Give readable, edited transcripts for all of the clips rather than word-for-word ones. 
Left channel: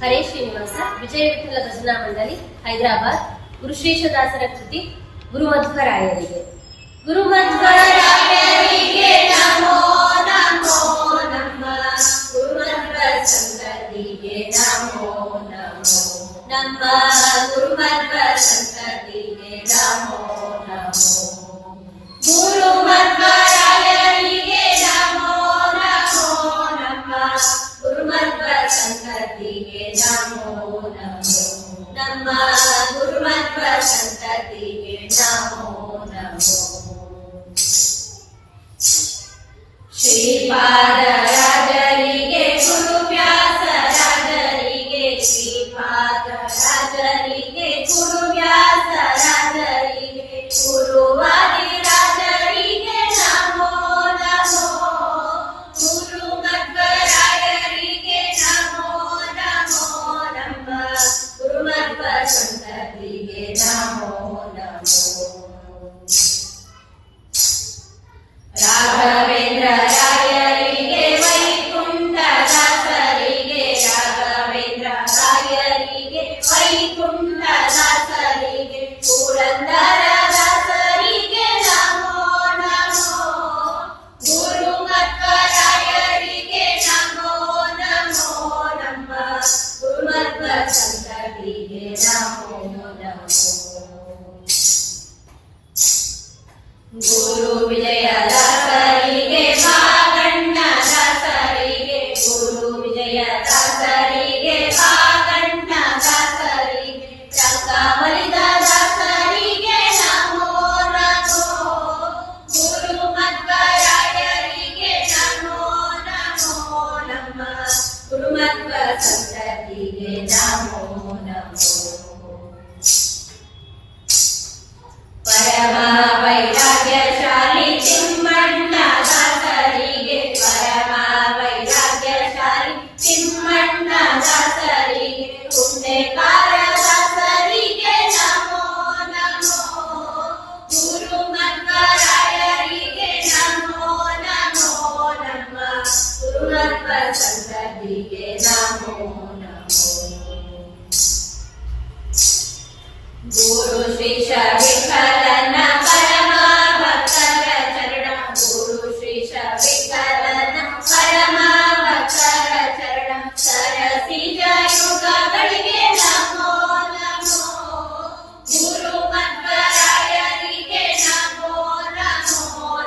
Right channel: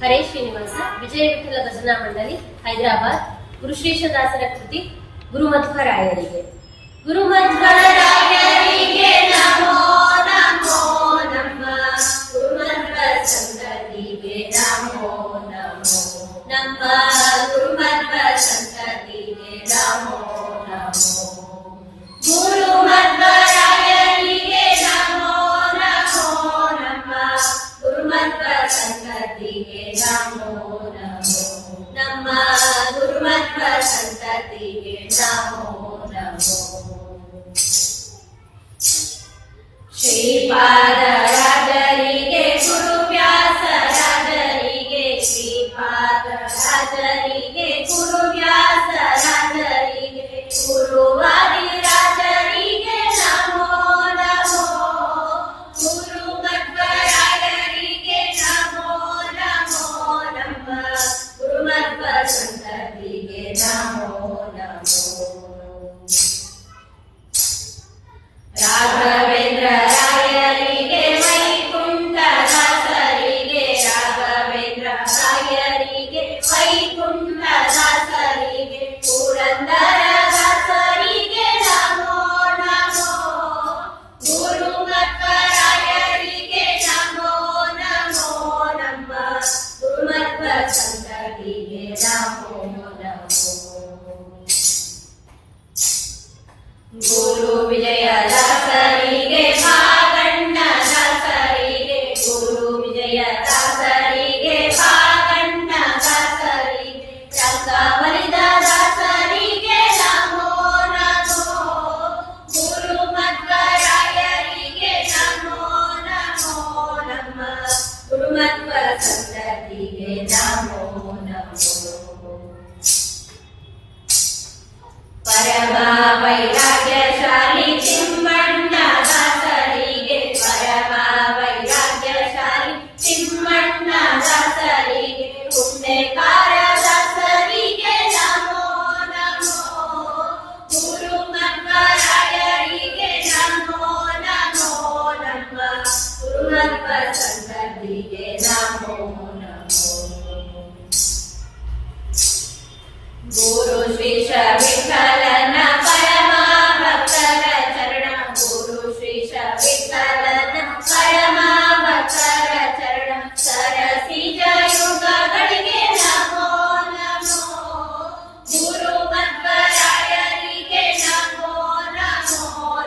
ಹರೇ ಶ್ರೀನಿವಾಸ ವಿಜಯ ವಿಠಲ ಭಜನಾ ಮಂಡಳಿ ಹೈದರಾಬಾದ್. ಗುರುಶ್ರೀಶದಾಸರ ಕೃತಿ ಗುರುಮಧ್ವರಾಯರಿಗೆ. ಗುರುಮಧ್ವರಾಯರಿಗೆ ನಮೋ ನಮೋ ನಮಃ. ಗುರುಮಧ್ವ ಸಂತತಿಗೆ ನಮೋ ನಮೋ. ನಮ್ಮ ಗುರುಮಧ್ವ ಸಂತತಿಗೆ ನಮೋ ನಮೋ. ಗುರುಮಧ್ವರಾಯರಿಗೆ ನಮೋ ನಮೋ ನಮಃ. ಗುರುಮಧ್ವ ಸಂತತಿಗೆ ನಮೋ ನಮೋ. ನಮ್ಮ ಗುರುಮಧ್ವ ಸಂತತಿಗೆ ನಮೋ ನಮೋ. ಶ್ರೀಪಾದರಾಜರಿಗೆ ಗುರುವ್ಯಾಸರಾಜರಿಗೆ. ಶ್ರೀಪಾದರಾಜರಿಗೆ ಗುರುವ್ಯಾಸರಾಜರಿಗೆ. ಗುರುವಾದಿರಾಜರಿಗೆ ನಮೋ ನಮೋ. ಗುರುಮಧ್ವರಾಯರಿಗೆ ನಮೋ ನಮೋ ನಮಃ. ಗುರುಮಧ್ವ ಸಂತತಿಗೆ ನಮೋ ನಮೋ. ರಾಘವೇಂದ್ರ ರಾಯರಿಗೆ ವೈಕುಂಠ ದಾಸರಿಗೆ. ರಾಘವೇಂದ್ರ ರಾಯರಿಗೆ ವೈಕುಂಠ ದಾಸರಿಗೆ. ಪುರಂದರ ದಾಸರಿಗೆ ನಮೋ ನಮೋ. ಗುರುಮಧ್ವರಾಯರಿಗೆ ನಮೋ ನಮೋ ನಮಃ. ಗುರುಮಧ್ವ ಸಂತತಿಗೆ ನಮೋ ನಮೋ. ಗುರು ವಿಜಯದಾಸರಿಗೆ ಭಾಗಣ್ಣ ದಾಸರಿಗೆ. ಗುರು ವಿಜಯದಾಸರಿಗೆ ಭಾಗಣ್ಣ ದಾಸರಿಗೆ. ರಂಗಮಲಿದ ದಾಸರಿಗೆ ನಮೋ ನಮೋ. ಗುರುಮಧ್ವರಾಯರಿಗೆ ನಮೋ ನಮೋ ನಮಃ. ಗುರುಮಧ್ವ ಸಂತತಿಗೆ ನಮೋ ನಮೋ. ಪರಮ ವೈರಾಗ್ಯಶಾಲಿ ತಿಮ್ಮಣ್ಣ ದಾಸರಿಗೆ. ಪರಮ ವೈರಾಗ್ಯಶಾಲಿ ತಿಮ್ಮಣ್ಣ ದಾಸರಿಗೆ. ಪುಣ್ಯಕಾರ ದಾಸರಿಗೆ ನಮೋ ನಮೋ. ಗುರುಮಧ್ವರಾಯರಿಗೆ ನಮೋ ನಮೋ ನಮಃ. ಗುರುಮಧ್ವ ಸಂತತಿಗೆ ನಮೋ ನಮೋ. ಗುರು ಶ್ರೀಶ ವಿಠಲನ ಪರಮ ಭಕ್ತರ ಚರಣ. ಗುರು ಶ್ರೀಶ ವಿಠಲನ ಪರಮ ಭಕ್ತರ ಚರಣ. ಸರಸಿಜ ಯುಗಗಳಿಗೆ ನಮೋ ನಮೋ. ಗುರುಮಧ್ವರಾಯರಿಗೆ ನಮೋ ನಮೋ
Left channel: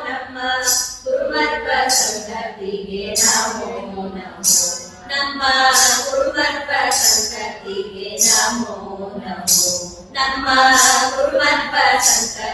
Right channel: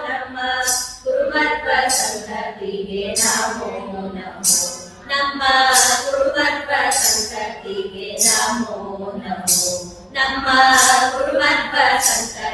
ನಮಃ. ಗುರುಮಧ್ವ ಸಂತತಿಗೆ ನಮೋ ನಮೋ. ನಮ್ಮ ಗುರುಮಧ್ವ ಸಂತತಿಗೆ ನಮೋ ನಮೋ. ನಮ್ಮ ಗುರುಮಧ್ವ ಸಂತತಿಗೆ